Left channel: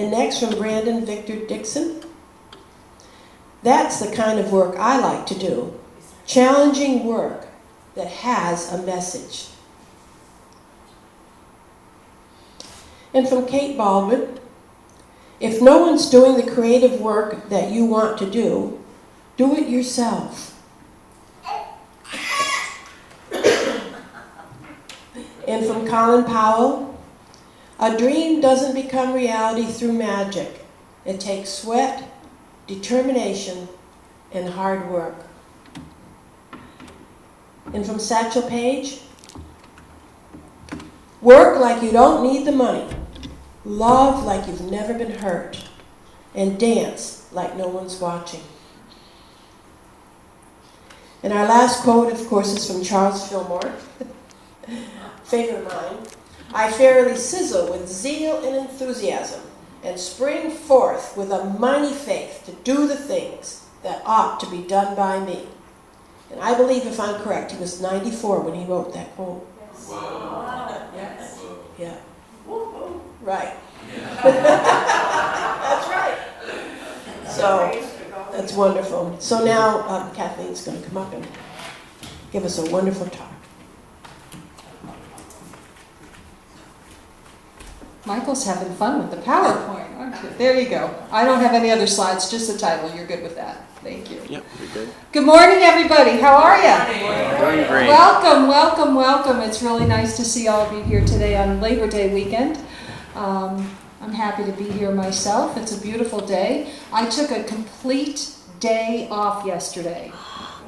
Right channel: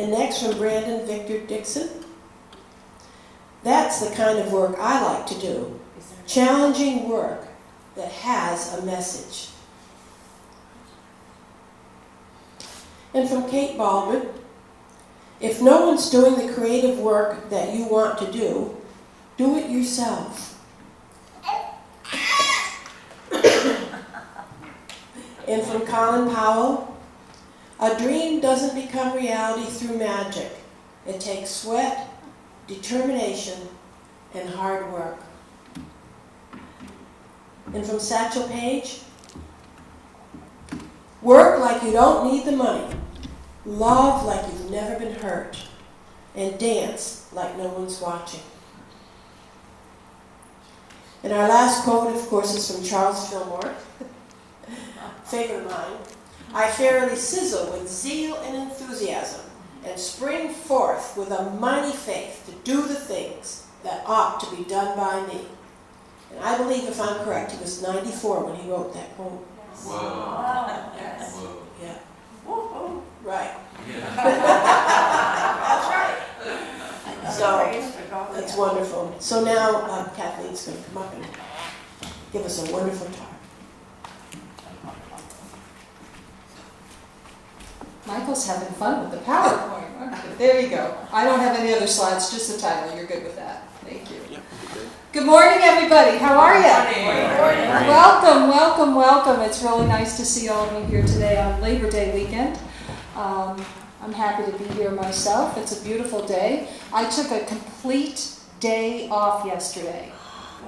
And next from Brandon Victor Dixon. That's the kind of work I like to do. Challenging work that has a message. And from Kate Baldwin, if no one's doing the creative work that you want to do it yourself. And from Colin Powell, a dream doesn't become reality through magic. It takes sweat, determination, and hard work. And from Satchel Paige, work like you don't need the money. Love like you've never been hurt. And dance like no one's watching. And our last quote, of course, is from Charles Fillmore. Favorite of mine. I fairly sizzle with zeal and enthusiasm and spring forth with a mighty faith to do the things that ought to be done by me. And I believe, if I'm correct, he was 94 when he wrote that quote. Yes. Wow. Yes. Whoa. Yeah. Woo-hoo. Right. Yeah. That's right. So, that's wonderful. So now, Kathleen's going to come up and give us a wonderful talk. Michael's having fun with the PowerPoint. There you go. I don't have any other slides, just the title. You're good with that. Thank you. Yep, you're good. Good morning, everybody. How are you? Good morning. Welcome, welcome, welcome. It's really nice to see all of you here today on Labor Day weekend. I'm happy to be here myself. It's a beautiful day. I took a complete day off yesterday.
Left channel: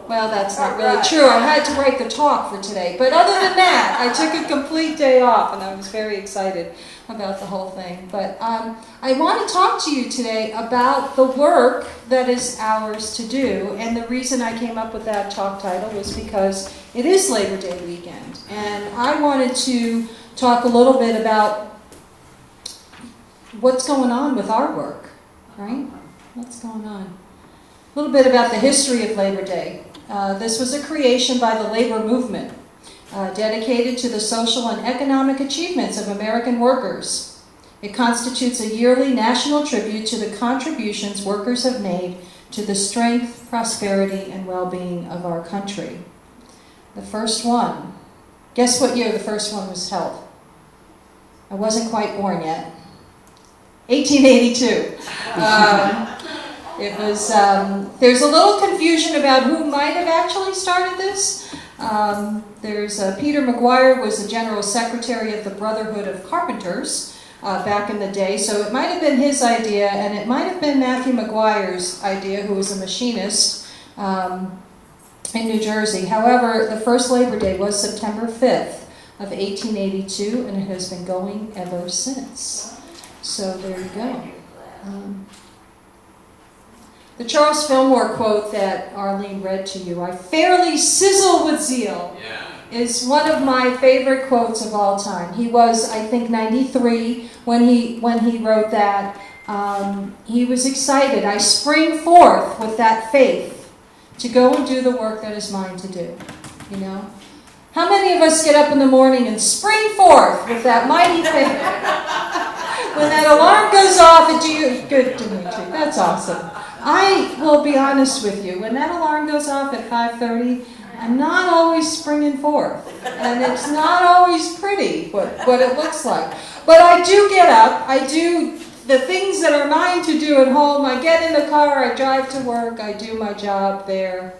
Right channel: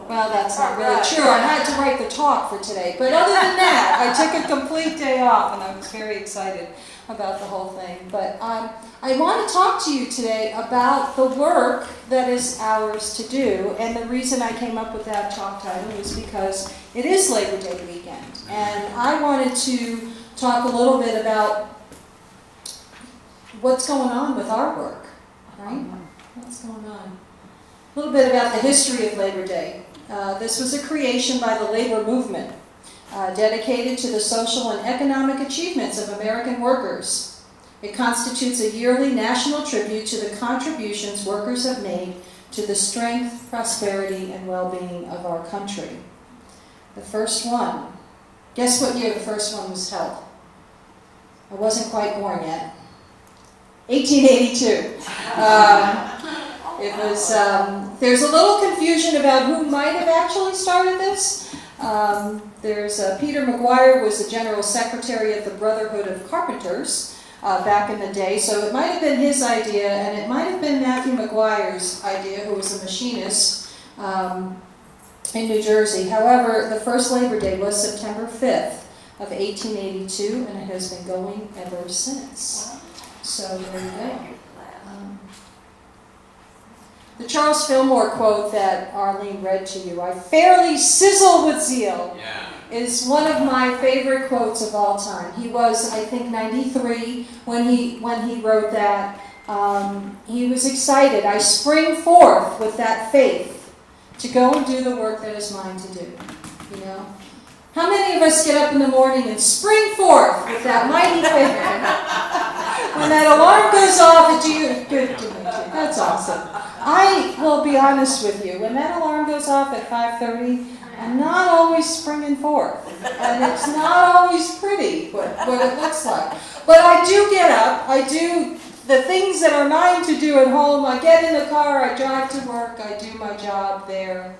Well, that's not really true. I had to write the talk for today. But other than that, I took a complete day off, and I was very excited about the whole thing. But I want to talk to you today about the work that is ours to do. And the reason I came up with that talk title was because it is Labor Day weekend. And I wanted to talk a little bit about what's going on with our work, right? What's going on? A little bit about the history of Labor Day. This was a creation by the labor movement, dedicated to the social and economic achievements of American workers. It constitutes a yearly national tribute to the contributions workers have made to the strength, prosperity, and well-being of our country. The first one. Guess what year the first one was held? I wasn't quite born yet. 1882. It was. There's a little confusion about who might have actually started this. There's Peter McGuire was the general secretary of the Brotherhood of Carpenters back in the day, so it might have been his idea, and it might have been Matthew McGuire's idea, who was a machinist in New Jersey. However, the first Labor Day was September 5th of 1882, and it has been going ever since. So there we go. The Charles Fillmore quote that Arlene read to you, I fairly sizzle with zeal, is one of my favorite quotes of all time. He was, I think, 93 when he wrote that. He was excited. I spring forth with that faith to go and do the work that is mine to do. You know? How many of us get up in the morning and spring forth with that mighty faith? When that alarm goes off, it's you. Good, Dimitri. That's awesome. I will be honest with you. When that alarm goes off at 5:30, I'm not always springing forth. And it's not always pretty what it looks like. But I do get up. I do the things that are mine to do at home. I get in the car. I drive to work. I do my job there.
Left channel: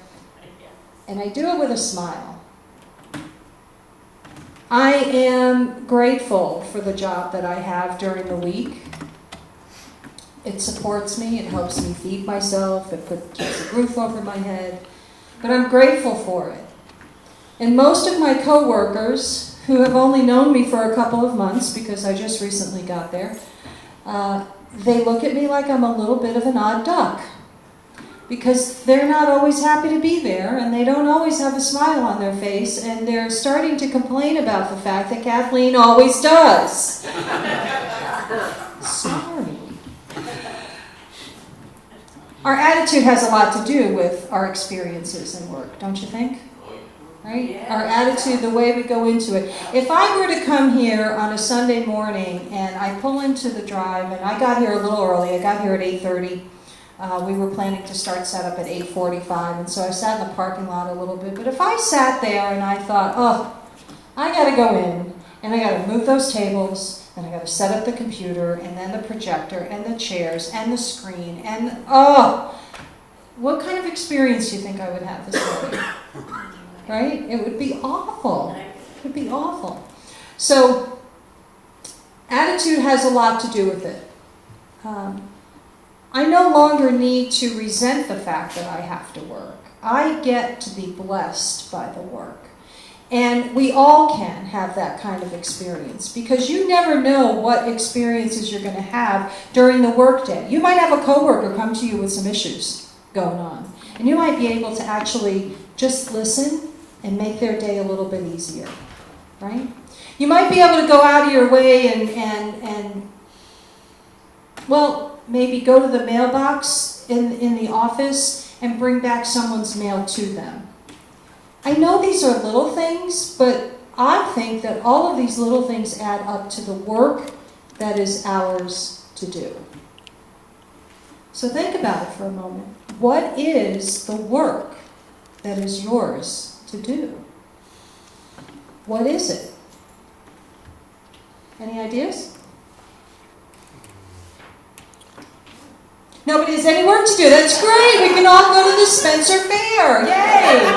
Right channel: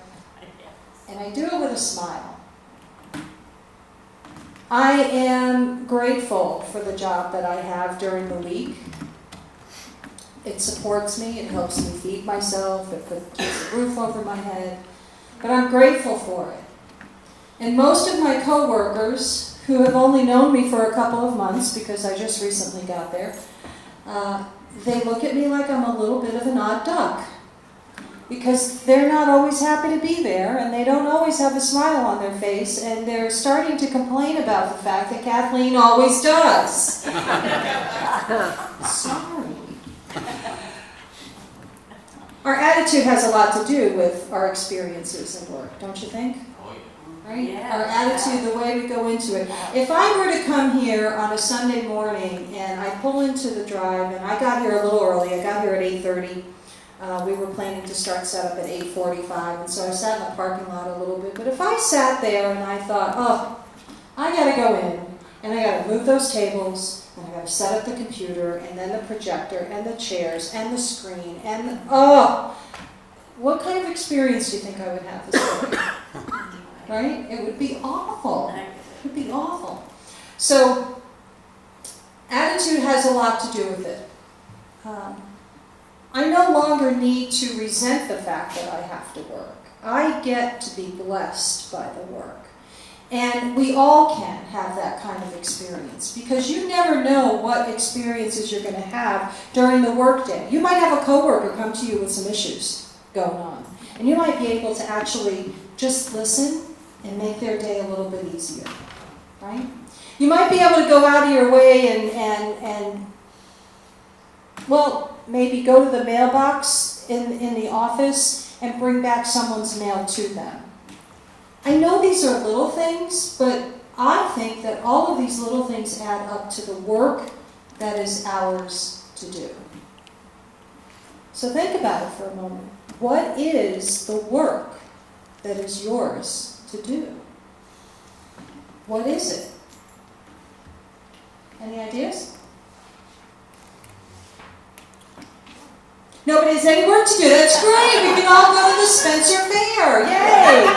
And I do it with a smile. I am grateful for the job that I have during the week. It supports me. It helps me feed myself. It keeps a roof over my head. But I'm grateful for it. And most of my coworkers, who have only known me for a couple of months, because I just recently got there, they look at me like I'm a little bit of an odd duck. Because they're not always happy to be there, and they don't always have a smile on their face, and they're starting to complain about the fact that Kathleen always does. Sorry. Our attitude has a lot to do with our experiences in work, don't you think? right? Yeah. Our attitude, the way we go into it. If I were to come here on a Sunday morning and I pull into the drive, and I got here a little early, I got here at 8:30. We were planning to start setup at 8:45, and so I sat in the parking lot a little bit. But if I sat there and I thought, oh, I got to go in, and I got to move those tables, and I got to set up the computer, and then the projector, and the chairs, and the screen, and what kind of experience do you think I would have this morning? Right? It would be awful. It would be awful. So, attitude has a lot to do with it. I no longer need to resent the fact that I have to work. I get to be blessed by the work. And we all can have that kind of experience because you never know what experiences you're going to have during the workday. You might have a coworker come to you with some issues going on. And you might be able to actually just listen and make their day a little bit easier. Right? You might be able to go out of your way and maybe go to the mailbox in the office and bring back someone's mail to them. I know these are little things, but I think that all of these little things add up to the work that is ours to do. So think about it for a moment. What is the work that is yours to do? What is it? Any ideas? Nobody has any work to do. That's great. We can all go to the Spencer Fair. Yay!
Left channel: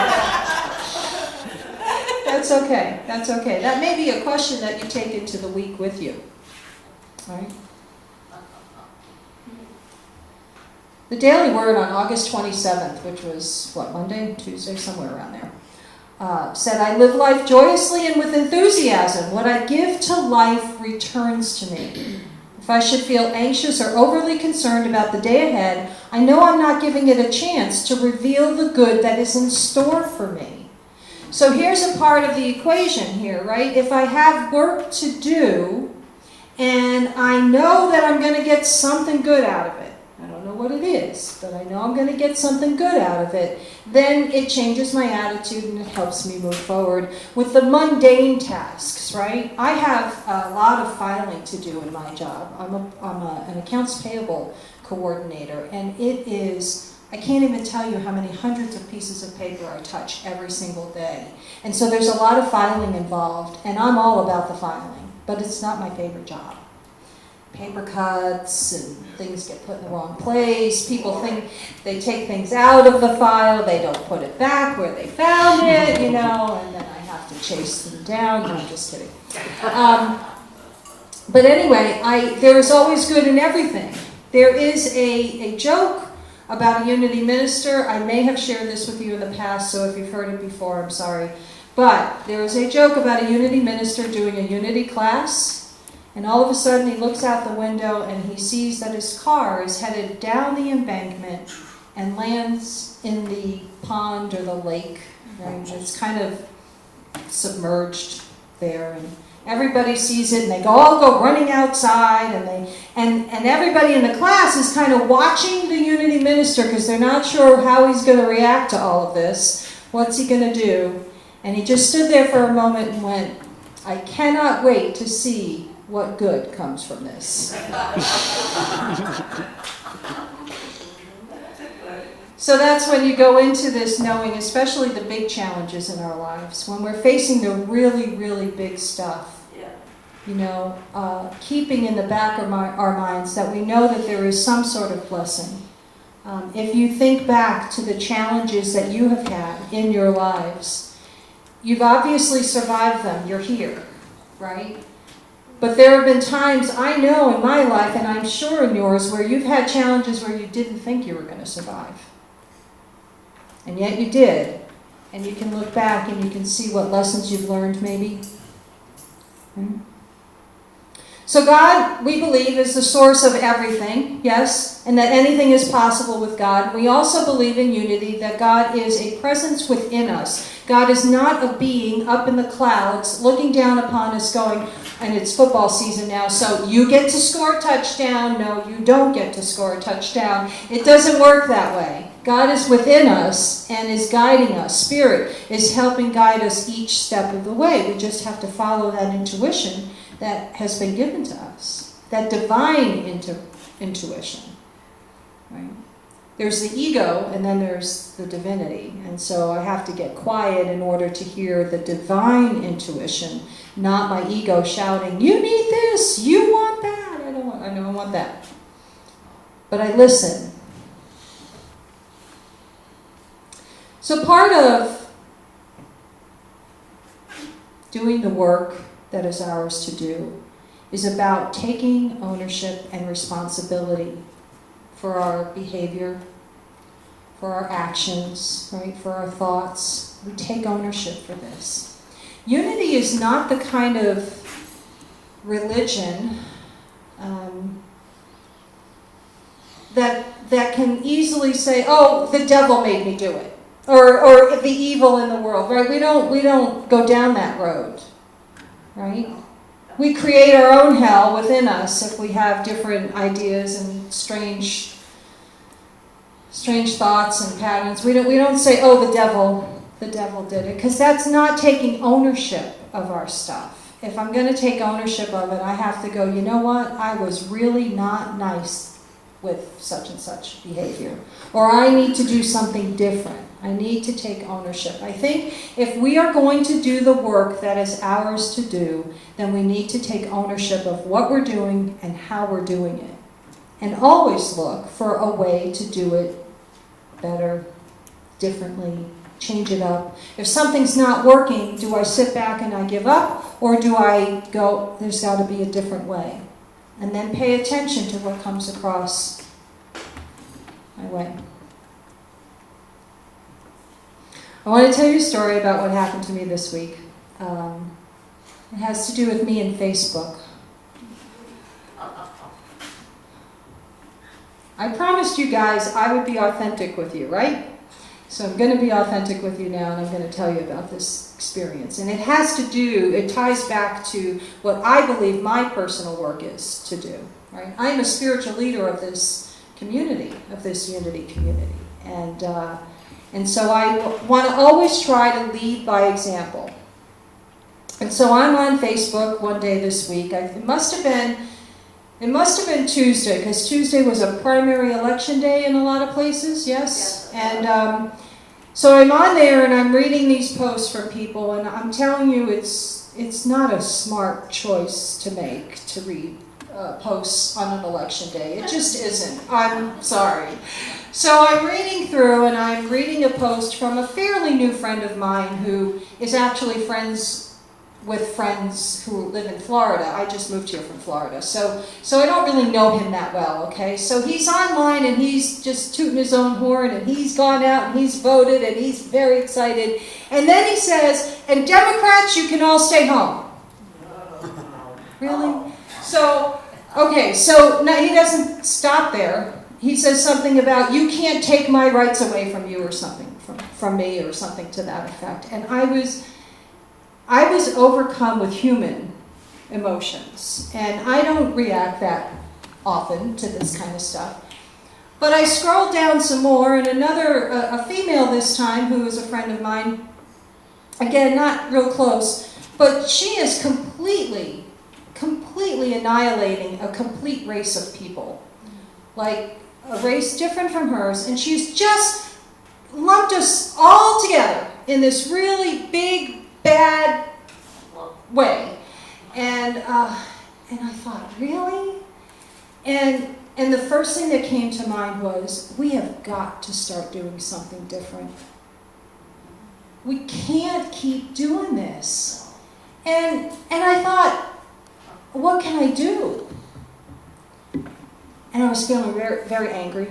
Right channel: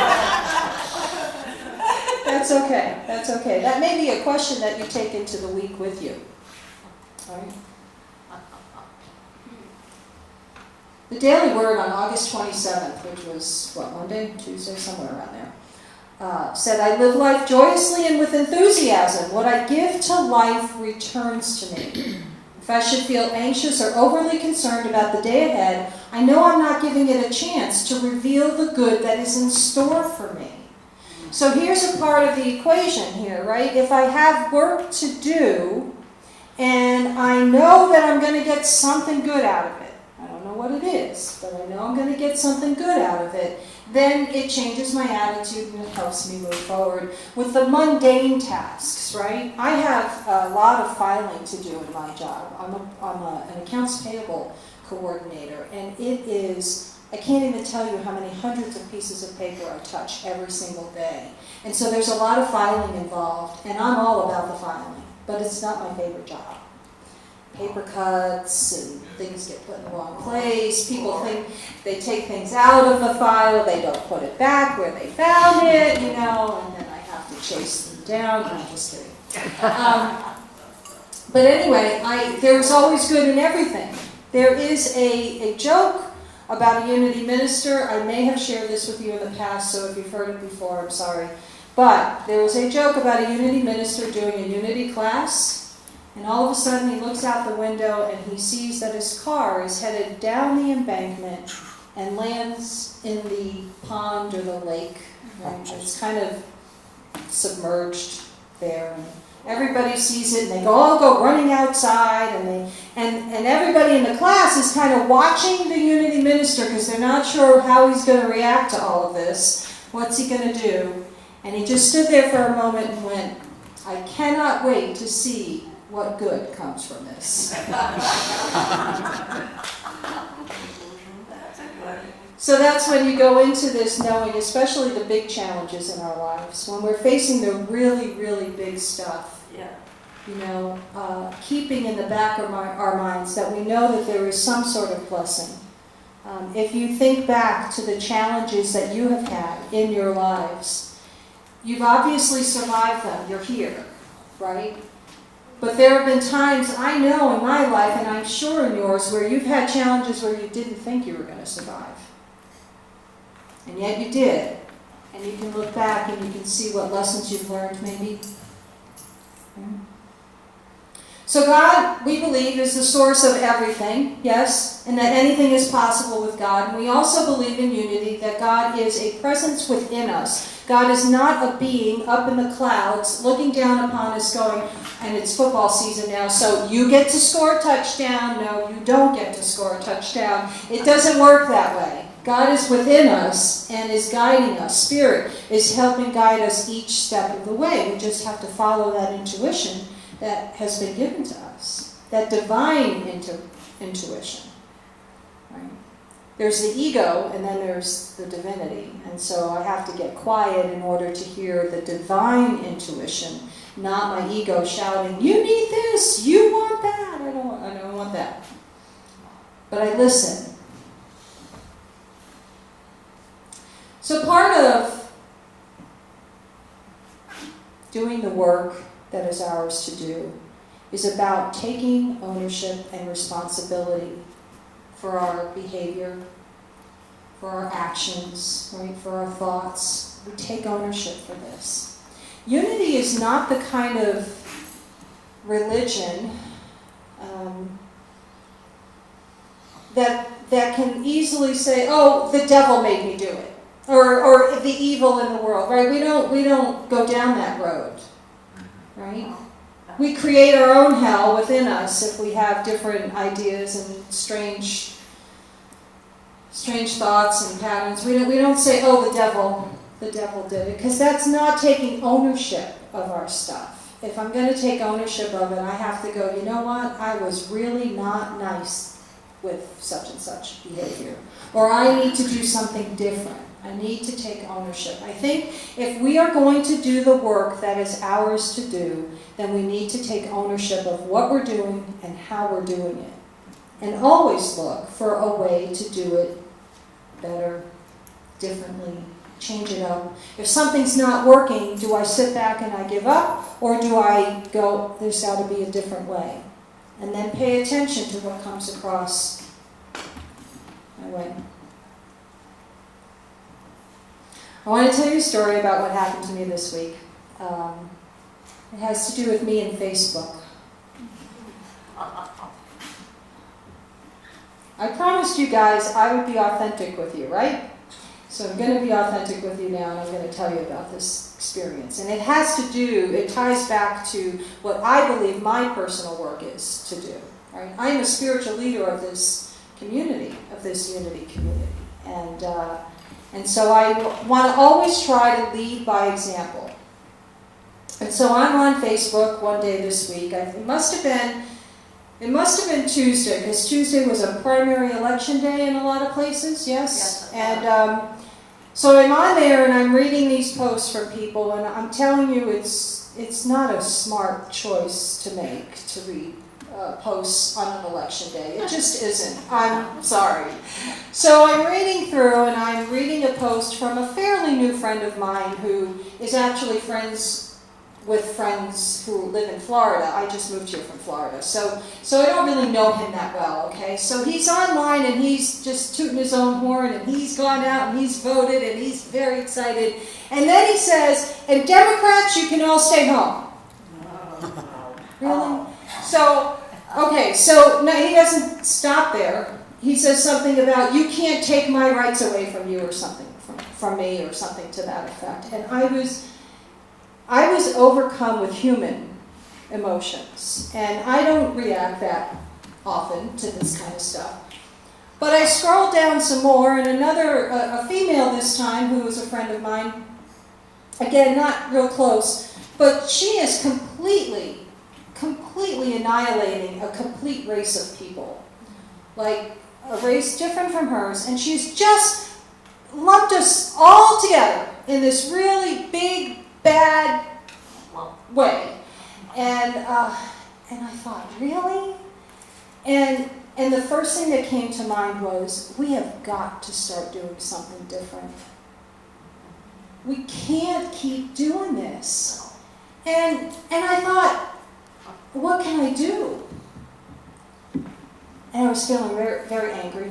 That's okay. That's okay. That may be a question that you take into the week with you. All right? The Daily Word on August 27th, which was, Monday, Tuesday, somewhere around there, said, I live life joyously and with enthusiasm. What I give to life returns to me. If I should feel anxious or overly concerned about the day ahead, I know I'm not giving it a chance to reveal the good that is in store for me. So here's a part of the equation here, right? If I have work to do, and I know that I'm going to get something good out of it, I don't know what it is, but I know I'm going to get something good out of it, then it changes my attitude and it helps me move forward. With the mundane tasks, right? I have a lot of filing to do in my job. I'm an accounts payable coordinator, and it is, I can't even tell you how many hundreds of pieces of paper I touch every single day. And so there's a lot of filing involved, and I'm all about the filing, but it's not my favorite job. Paper cuts and things get put in the wrong place. People think they take things out of the file, they don't put it back where they found it, and then I have to chase them down. No, I'm just kidding. But anyway, there's always good in everything. There is a joke about a Unity minister. I may have shared this with you in the past, so if you've heard it before, I'm sorry. But there was a joke about a Unity minister doing a Unity class. And all of a sudden he looks out the window and he sees that his car is headed down the embankment and lands in the pond or the lake. Right? It's kind of submerged there. And everybody sees it and they all go running outside and everybody in the class is kind of watching the Unity minister because they're not sure how he's going to react to all of this. What's he going to do? And he just stood there for a moment and went, I cannot wait to see what good comes from this. So that's when you go into this knowing, especially the big challenges in our lives, when we're facing the really, really big stuff. Keeping in the back of our minds that we know that there is some sort of blessing. If you think back to the challenges that you have had in your lives, you've obviously survived them. You're here, right? But there have been times, I know in my life, and I'm sure in yours, where you've had challenges where you didn't think you were going to survive. And yet you did. And you can look back and you can see what lessons you've learned, maybe. So God, we believe, is the source of everything, yes, and that anything is possible with God. And we also believe in unity, that God is a presence within us. God is not a being up in the clouds looking down upon us going, and it's football season now, so you get to score a touchdown. No, you don't get to score a touchdown. It doesn't work that way. God is within us and is guiding us. Spirit is helping guide us each step of the way. We just have to follow that intuition that has been given to us. That divine intuition. Right? There's the ego, and then there's the divinity. And so I have to get quiet in order to hear the divine intuition, not my ego shouting, "You need this, you want that." I don't want that. But I listen. So part of doing the work that is ours to do is about taking ownership and responsibility for our behavior, for our actions, right? For our thoughts. We take ownership for this. Unity is not the kind of religion that can easily say, "Oh, the devil made me do it," or the evil in the world. Right? We don't go down that road, right? We create our own hell within us if we have different ideas and strange thoughts and patterns. We don't say, "Oh, the devil did it," because that's not taking ownership of our stuff. If I'm going to take ownership of it, I have to go, "You know what? I was really not nice with such and such behavior," or I need to do something different. I need to take ownership. I think if we are going to do the work that is ours to do, then we need to take ownership of what we're doing and how we're doing it. And always look for a way to do it better, differently, change it up. If something's not working, do I sit back and I give up? Or do I go, "There's got to be a different way"? And then pay attention to what comes across my way. I want to tell you a story about what happened to me this week. It has to do with me and Facebook. I promised you guys I would be authentic with you, right? So I'm going to be authentic with you now, and I'm going to tell you about this experience. And it ties back to what I believe my personal work is to do. Right? I am a spiritual leader of this community, of this unity community. And so I want to always try to lead by example. And so I'm on Facebook one day this week. It must have been Tuesday, because Tuesday was a primary election day in a lot of places, yes? And so I'm on there and I'm reading these posts from people, and I'm telling you it's not a smart choice to make, to read posts on an election day. It just isn't. I'm sorry. So I'm reading through, and I'm reading a post from a fairly new friend of mine who is actually friends with friends who live in Florida. I just moved here from Florida, so I don't really know him that well, okay? So he's online, and he's just tooting his own horn, and he's gone out, and he's voted, and he's very excited. And then he says, "And Democrats, you can all stay home." Really? So, okay, so now he doesn't stop there. He says something about, "You can't take my rights away from you," or something, from me, or something to that effect. And I was overcome with human emotions, and I don't react that often to this kind of stuff. But I scrolled down some more, and a female this time, who was a friend of mine, again, not real close, but she is completely annihilating a complete race of people. Like, a race different from hers, and she's just lumped us all together in this really big, bad way. And I thought, really? And the first thing that came to mind was, we have got to start doing something different. We can't keep doing this. And I thought, what can I do? And I was feeling very, very angry.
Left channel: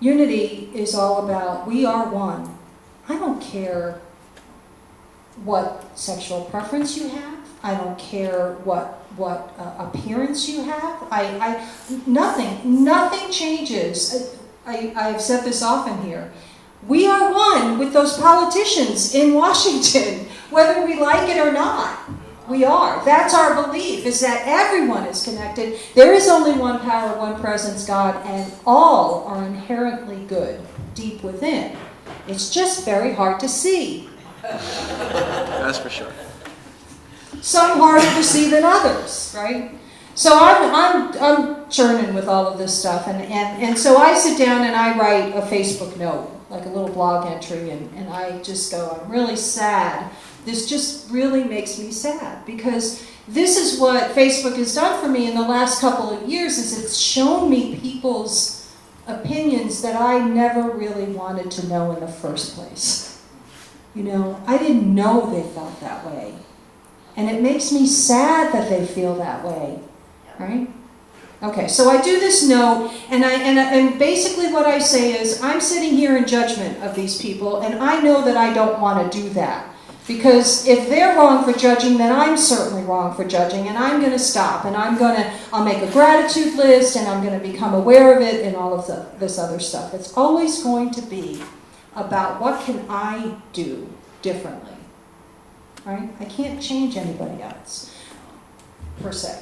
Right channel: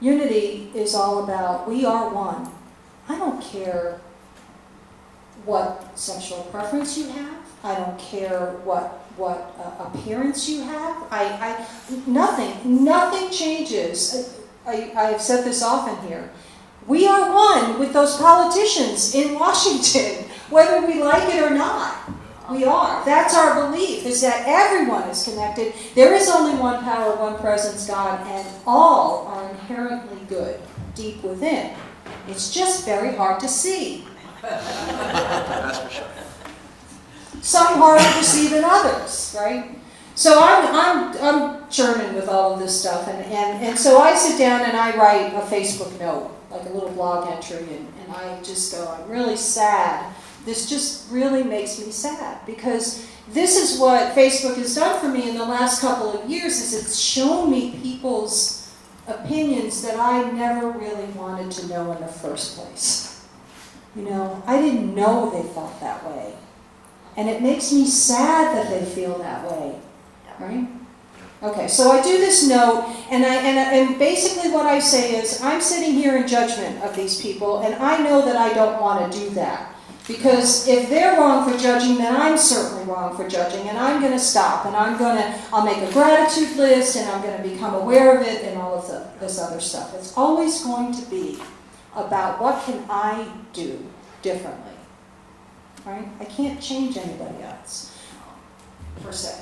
Unity is all about, we are one. I don't care what sexual preference you have. I don't care what appearance you have. Nothing changes. I've said this often here. We are one with those politicians in Washington, whether we like it or not. We are. That's our belief, is that everyone is connected. There is only one power, one presence, God, and all are inherently good, deep within. It's just very hard to see. That's for sure. Some harder to see than others, right? So I'm churning with all of this stuff, and so I sit down and I write a Facebook note, like a little blog entry, and I just go, I'm really sad. This just really makes me sad, because this is what Facebook has done for me in the last couple of years, is it's shown me people's opinions that I never really wanted to know in the first place. You know, I didn't know they felt that way. And it makes me sad that they feel that way. Right? Okay, so I do this note, and basically what I say is, I'm sitting here in judgment of these people, and I know that I don't want to do that. Because if they're wrong for judging, then I'm certainly wrong for judging, and I'm going to stop, and I'll make a gratitude list, and I'm going to become aware of it, and all of this other stuff. It's always going to be about what can I do differently, right? I can't change anybody else, per se.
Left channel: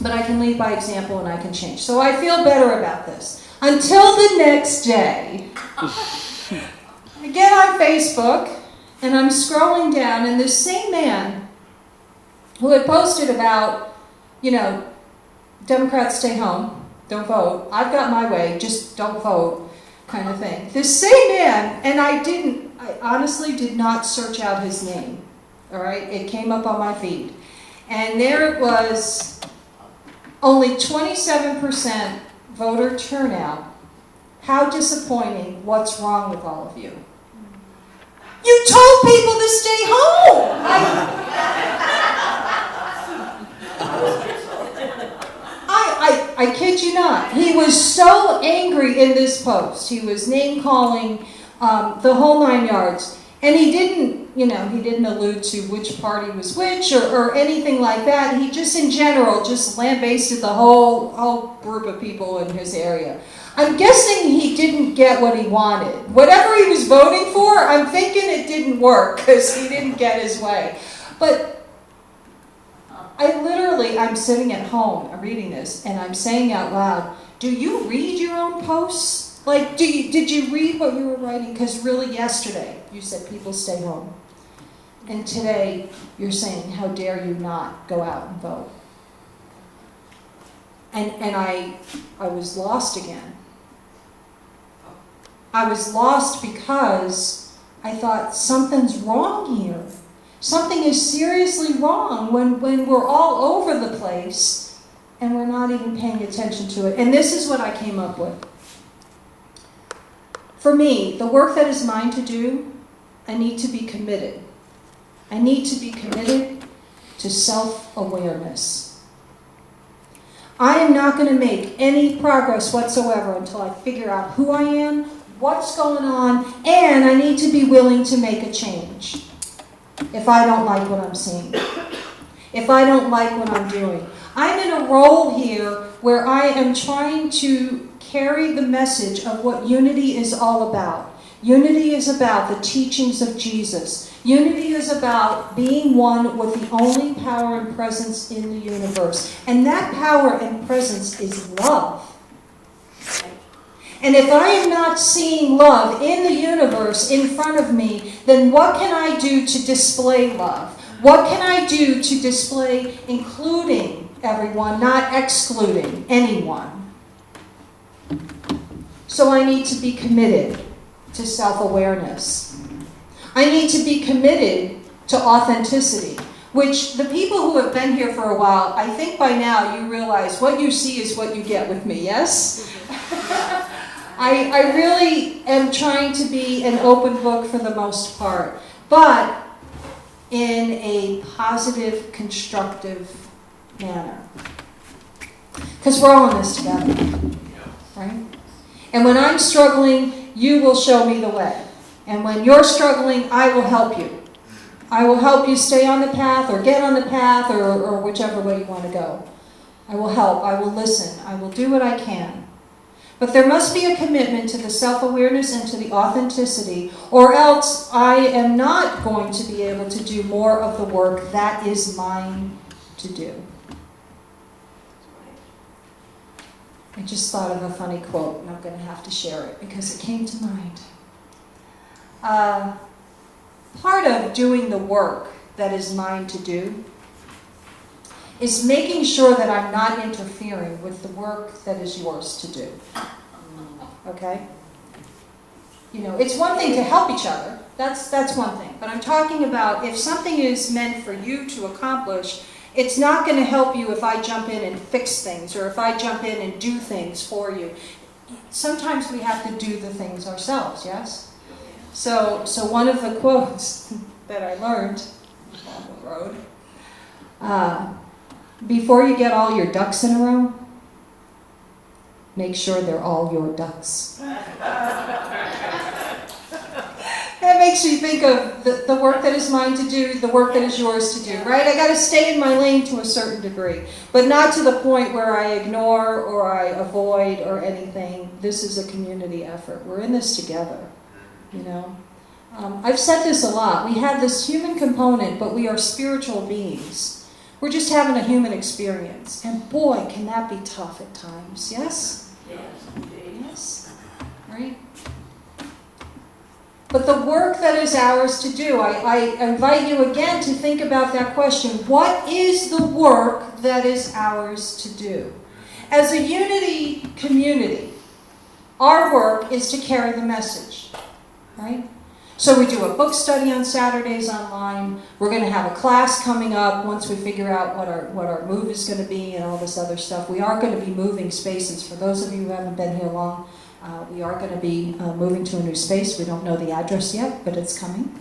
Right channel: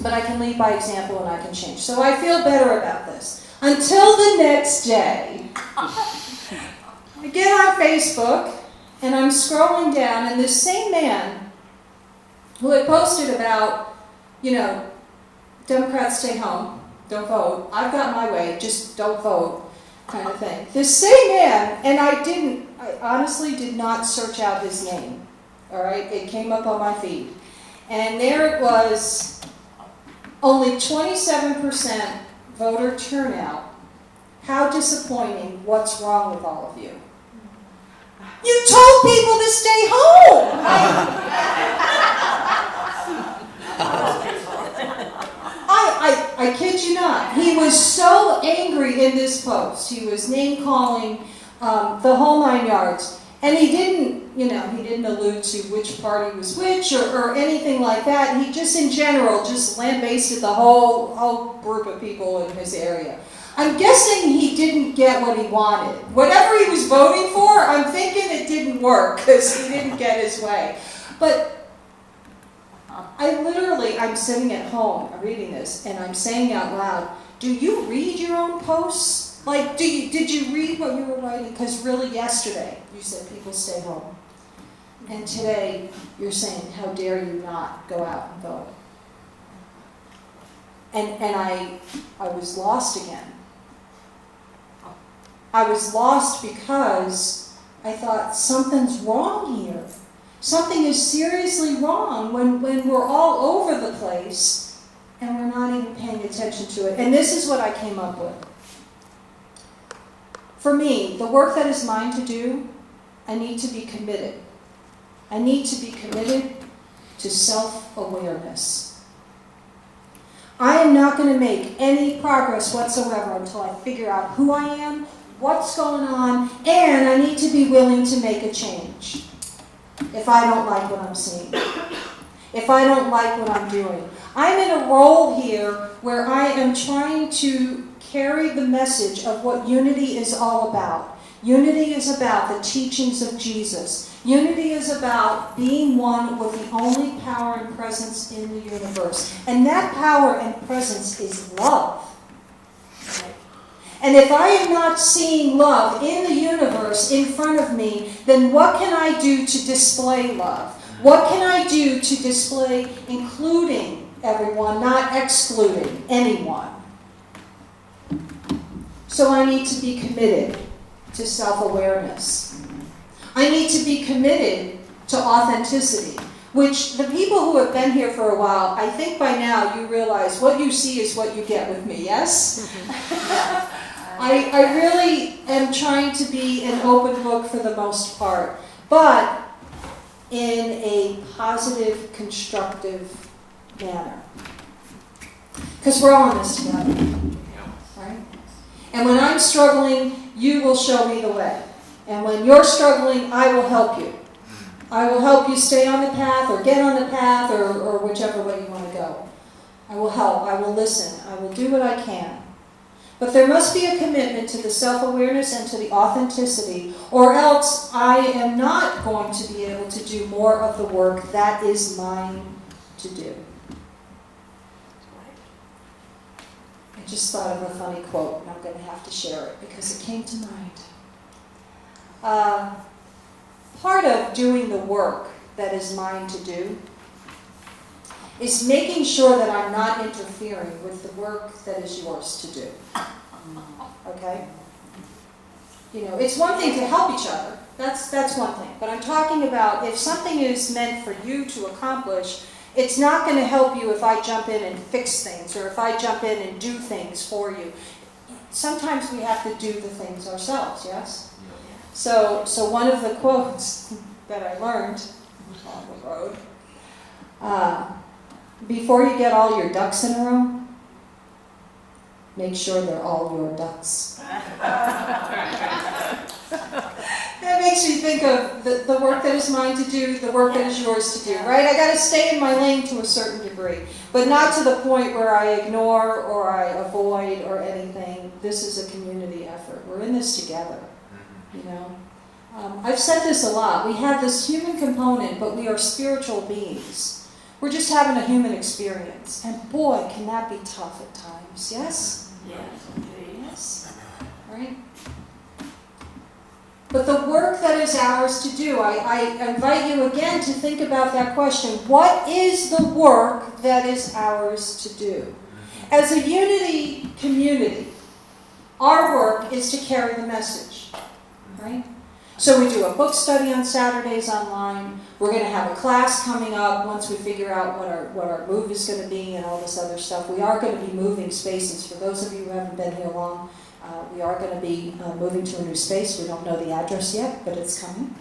But I can lead by example, and I can change. So I feel better about this. Until the next day, I get on Facebook, and I'm scrolling down, and this same man who had posted about, Democrats stay home, don't vote, I've got my way, just don't vote, kind of thing. This same man, and I honestly did not search out his name, all right? It came up on my feed. And there it was, only 27% voter turnout. How disappointing. What's wrong with all of you? You told people to stay home! I kid you not. He was so angry in this post. He was name-calling the whole 9 yards. And he didn't allude to which party was which or anything like that. He just, in general, just lambasted the whole group of people in his area. I'm guessing he didn't get what he wanted. Whatever he was voting for, I'm thinking it didn't work because he didn't get his way. But I'm sitting at home, I'm reading this, and I'm saying out loud, do you read your own posts? Like, did you read what you were writing? Because really yesterday, you said people stay home. And today, you're saying, how dare you not go out and vote? And I was lost again. I was lost because I thought, something's wrong here. Something is seriously wrong when we're all over the place and we're not even paying attention to it. And this is what I came up with. For me, the work that is mine to do, I need to be committed. I need to be committed to self-awareness. I am not going to make any progress whatsoever until I figure out who I am, what's going on, and I need to be willing to make a change. If I don't like what I'm seeing, if I don't like what I'm doing. I'm in a role here where I am trying to carry the message of what unity is all about. Unity is about the teachings of Jesus. Unity is about being one with the only power and presence in the universe. And that power and presence is love. And if I am not seeing love in the universe in front of me, then what can I do to display love? What can I do to display including everyone, not excluding anyone? So I need to be committed to self-awareness. I need to be committed to authenticity, which the people who have been here for a while, I think by now you realize what you see is what you get with me, yes? I really am trying to be an open book for the most part, but in a positive, constructive manner. Because we're all in this together, right? And when I'm struggling, you will show me the way. And when you're struggling, I will help you. I will help you stay on the path or get on the path or whichever way you want to go. I will help. I will listen. I will do what I can. But there must be a commitment to the self-awareness and to the authenticity, or else I am not going to be able to do more of the work that is mine to do. I just thought of a funny quote, and I'm going to have to share it because it came to mind. Part of doing the work that is mine to do is making sure that I'm not interfering with the work that is yours to do. Okay? You know, it's one thing to help each other. That's one thing. But I'm talking about if something is meant for you to accomplish, it's not going to help you if I jump in and fix things or if I jump in and do things for you. Sometimes we have to do the things ourselves, yes? So one of the quotes that I learned on the road, before you get all your ducks in a row, make sure they're all your ducks. That makes me think of the work that is mine to do, the work that is yours to do, right? I got to stay in my lane to a certain degree, but not to the point where I ignore or I avoid or anything. This is a community effort. We're in this together, you know. I've said this a lot. We have this human component, but we are spiritual beings. We're just having a human experience. And boy, can that be tough at times, yes? Yes. Right? But the work that is ours to do, I invite you again to think about that question. What is the work that is ours to do? As a unity community, our work is to carry the message, right? So we do a book study on Saturdays online. We're going to have a class coming up once we figure out what our move is going to be and all this other stuff. We are going to be moving spaces. For those of you who haven't been here long, we are going to be moving to a new space. We don't know the address yet, but it's coming.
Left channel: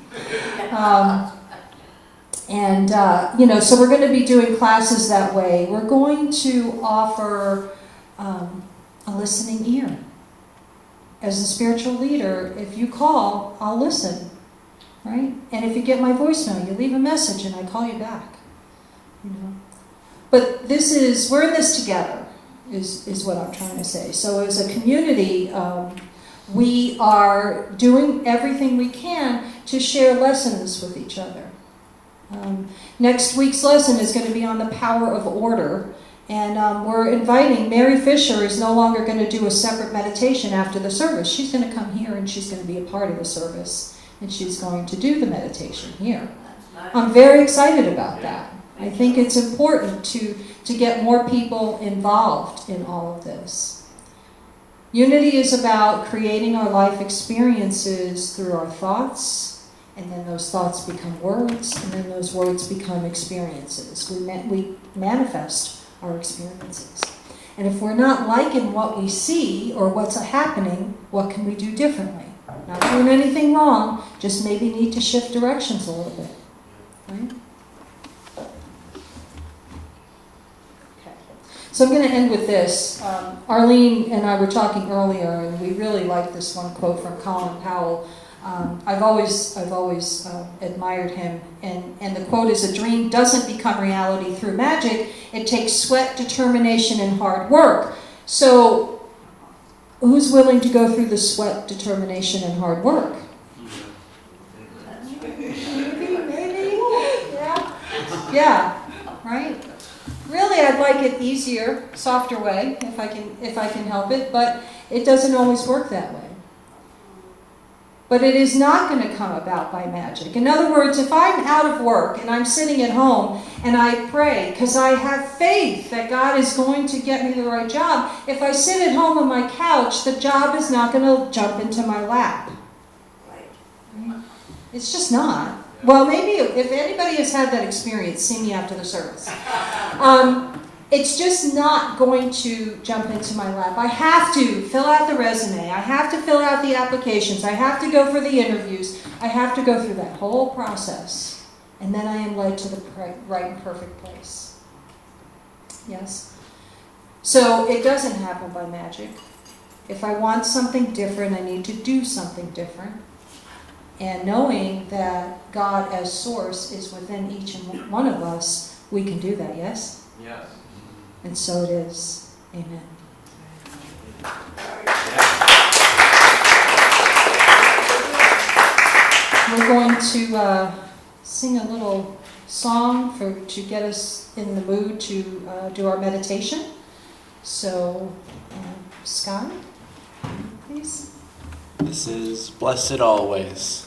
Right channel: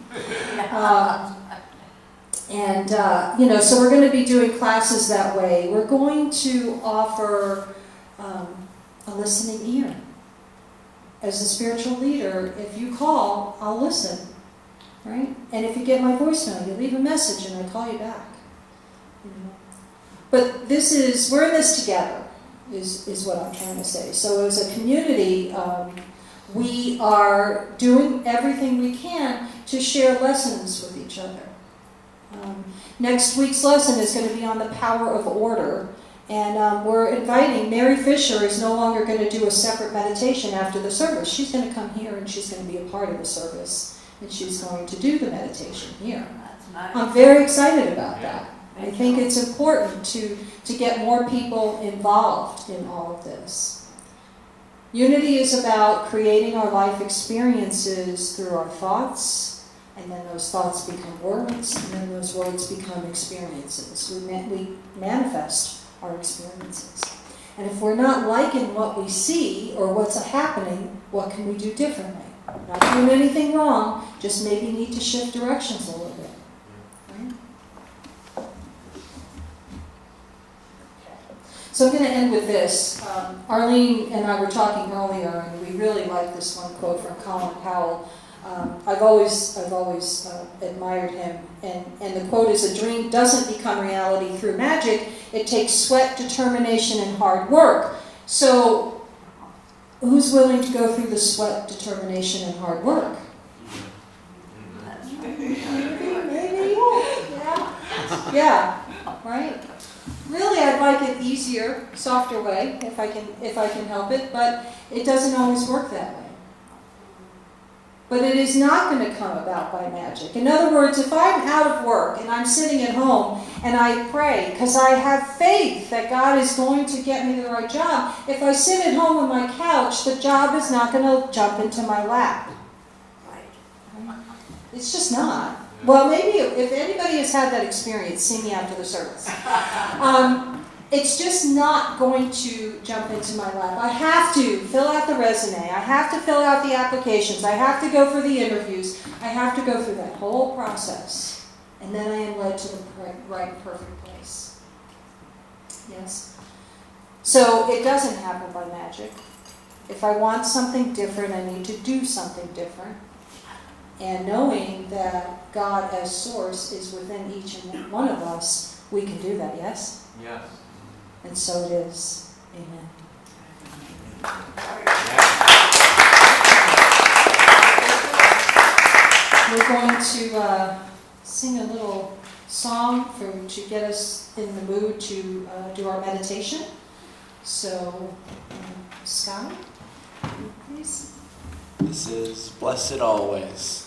So we're going to be doing classes that way. We're going to offer a listening ear. As a spiritual leader, if you call, I'll listen, right? And if you get my voicemail, you leave a message and I call you back. But we're in this together, is what I'm trying to say. So as a community, we are doing everything we can to share lessons with each other. Next week's lesson is going to be on the power of order. And we're inviting, Mary Fisher is no longer going to do a separate meditation after the service. She's going to come here and she's going to be a part of the service. And she's going to do the meditation here. I'm very excited about that. I think it's important to get more people involved in all of this. Unity is about creating our life experiences through our thoughts, and then those thoughts become words, and then those words become experiences. We manifest our experiences. And if we're not liking what we see or what's happening, what can we do differently? Not doing anything wrong, just maybe need to shift directions a little bit. Right? Okay. So I'm going to end with this. Arlene and I were talking earlier, and we really like this one quote from Colin Powell. I've always admired him, and the quote is, "A dream doesn't become reality through magic. It takes sweat, determination, and hard work." So, who's willing to go through the sweat, determination, and hard work? Maybe. Yeah. Right. Really, I'd like it easier, softer way, if I can help it, but it doesn't always work that way. But it is not going to come about by magic. In other words, if I'm out of work and I'm sitting at home and I pray because I have faith that God is going to get me the right job, if I sit at home on my couch, the job is not going to jump into my lap. Right? It's just not. Well, maybe if anybody has had that experience, see me after the service. It's just not going to jump into my lap. I have to fill out the resume. I have to fill out the applications. I have to go for the interviews. I have to go through that whole process. And then I am led to the right and perfect place. Yes? So it doesn't happen by magic. If I want something different, I need to do something different. And knowing that God as source is within each and one of us, we can do that, yes? Yes. And so it is. Amen. we're going to sing a little song to get us in the mood to do our meditation. So, Scott, please. This is Blessed Always.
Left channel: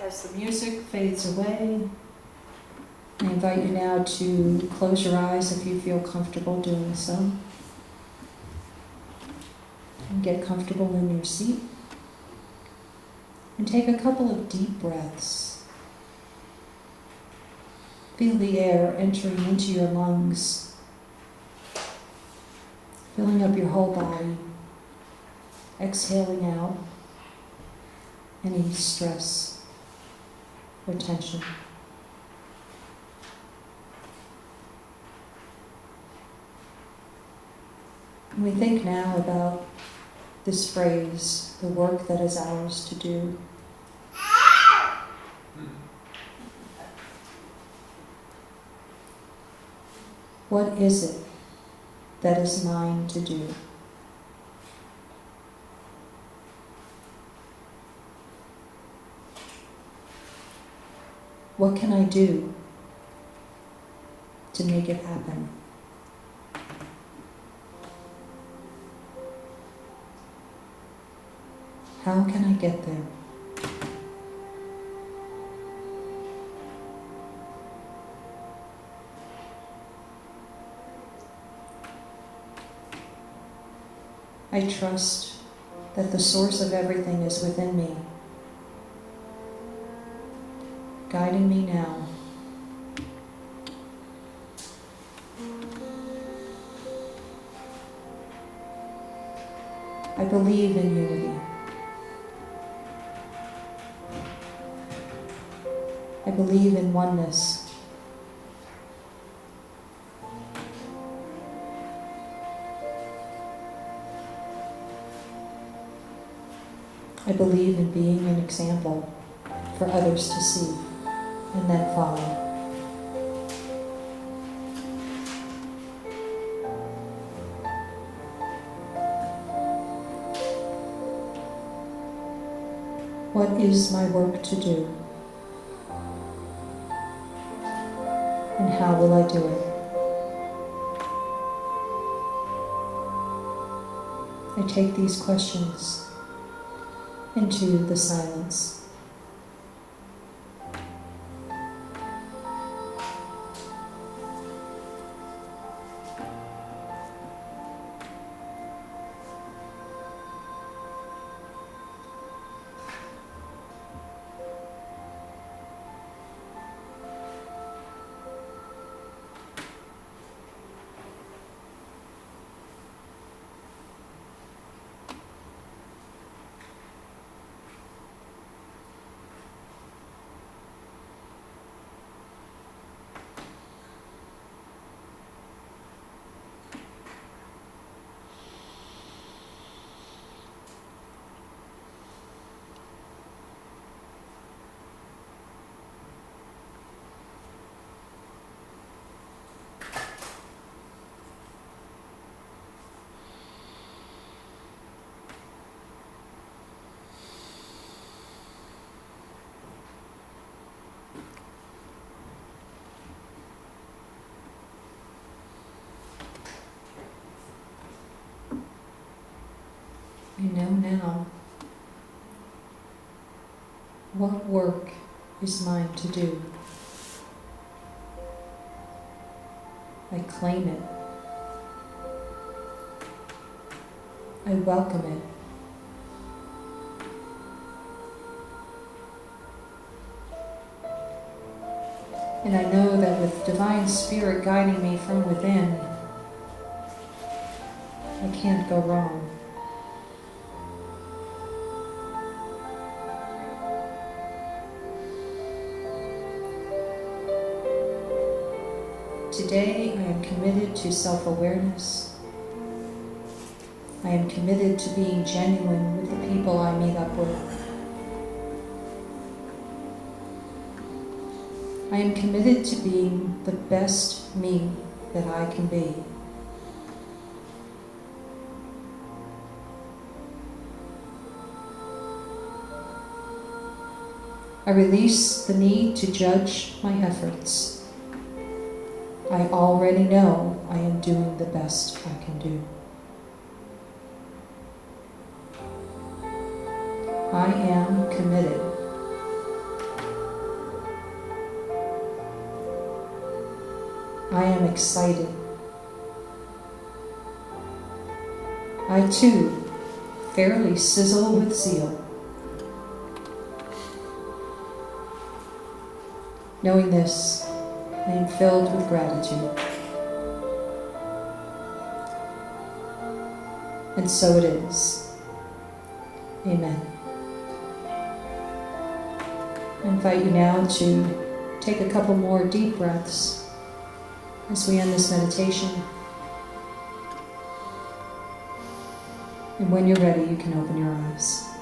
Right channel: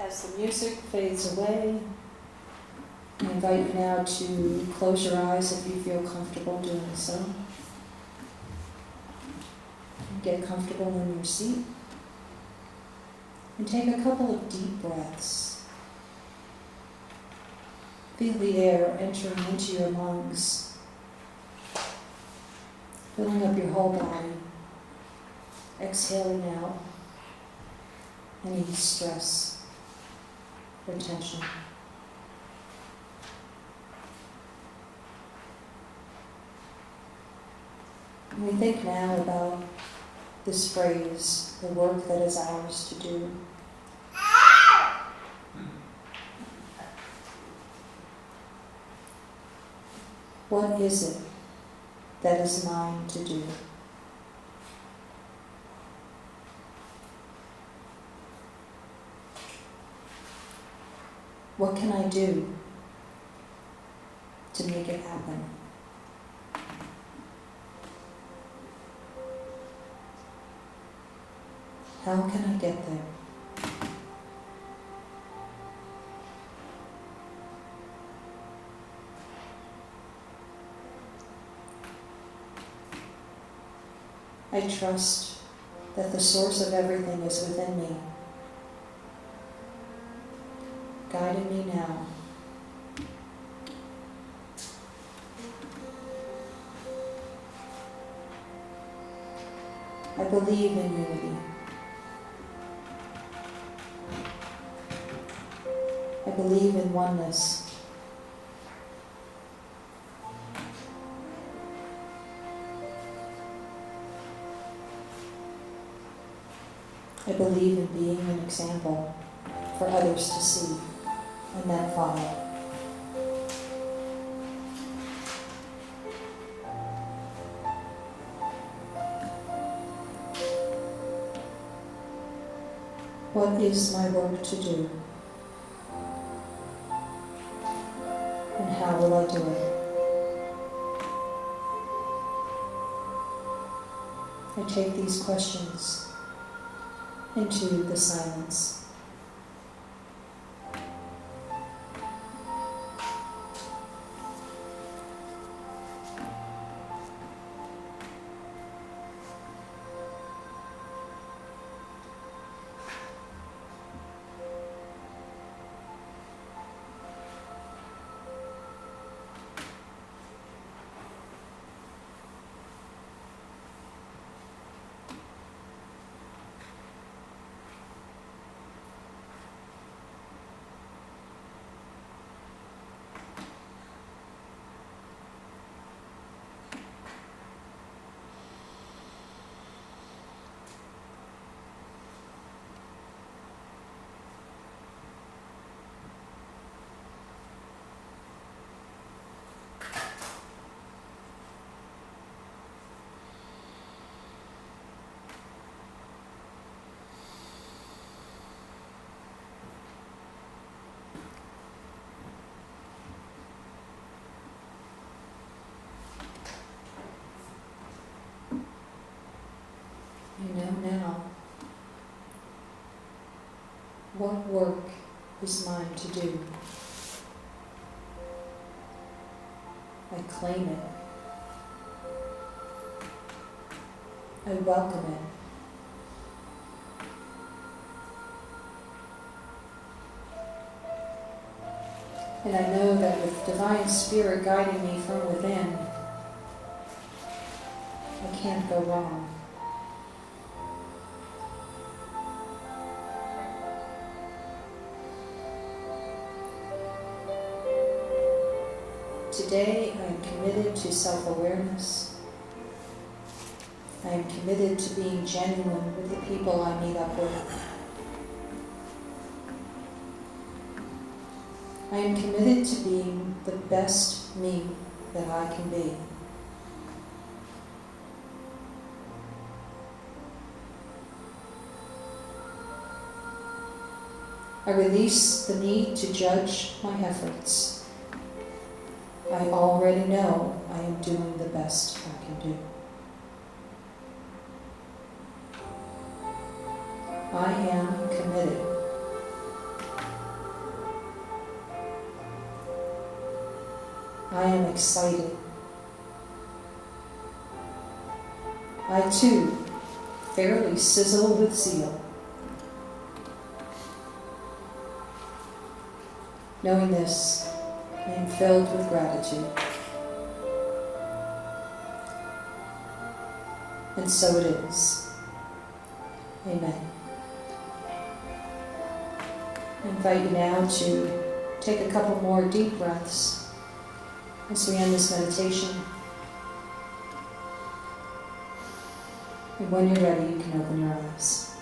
As the music fades away, I invite you now to close your eyes if you feel comfortable doing so. And get comfortable in your seat. And take a couple of deep breaths. Feel the air entering into your lungs, filling up your whole body, exhaling out any stress or tension. And we think now about this phrase, the work that is ours to do. What is it that is mine to do? What can I do to make it happen? How can I get there? I trust that the source of everything is within me, guiding me now. I believe in unity. I believe in oneness. I believe in being an example for others to see and then follow. What is my work to do? And how will I do it? I take these questions into the silence. What work is mine to do? I claim it. I welcome it. And I know that with Divine Spirit guiding me from within, I can't go wrong. Today, I am committed to self-awareness. I am committed to being genuine with the people I meet up with. I am committed to being the best me that I can be. I release the need to judge my efforts. I already know I am doing the best I can do. I am committed. I am excited. I too fairly sizzle with zeal. Knowing this, I am filled with gratitude. And so it is. Amen. I invite you now to take a couple more deep breaths as we end this meditation. And when you're ready, you can open your eyes.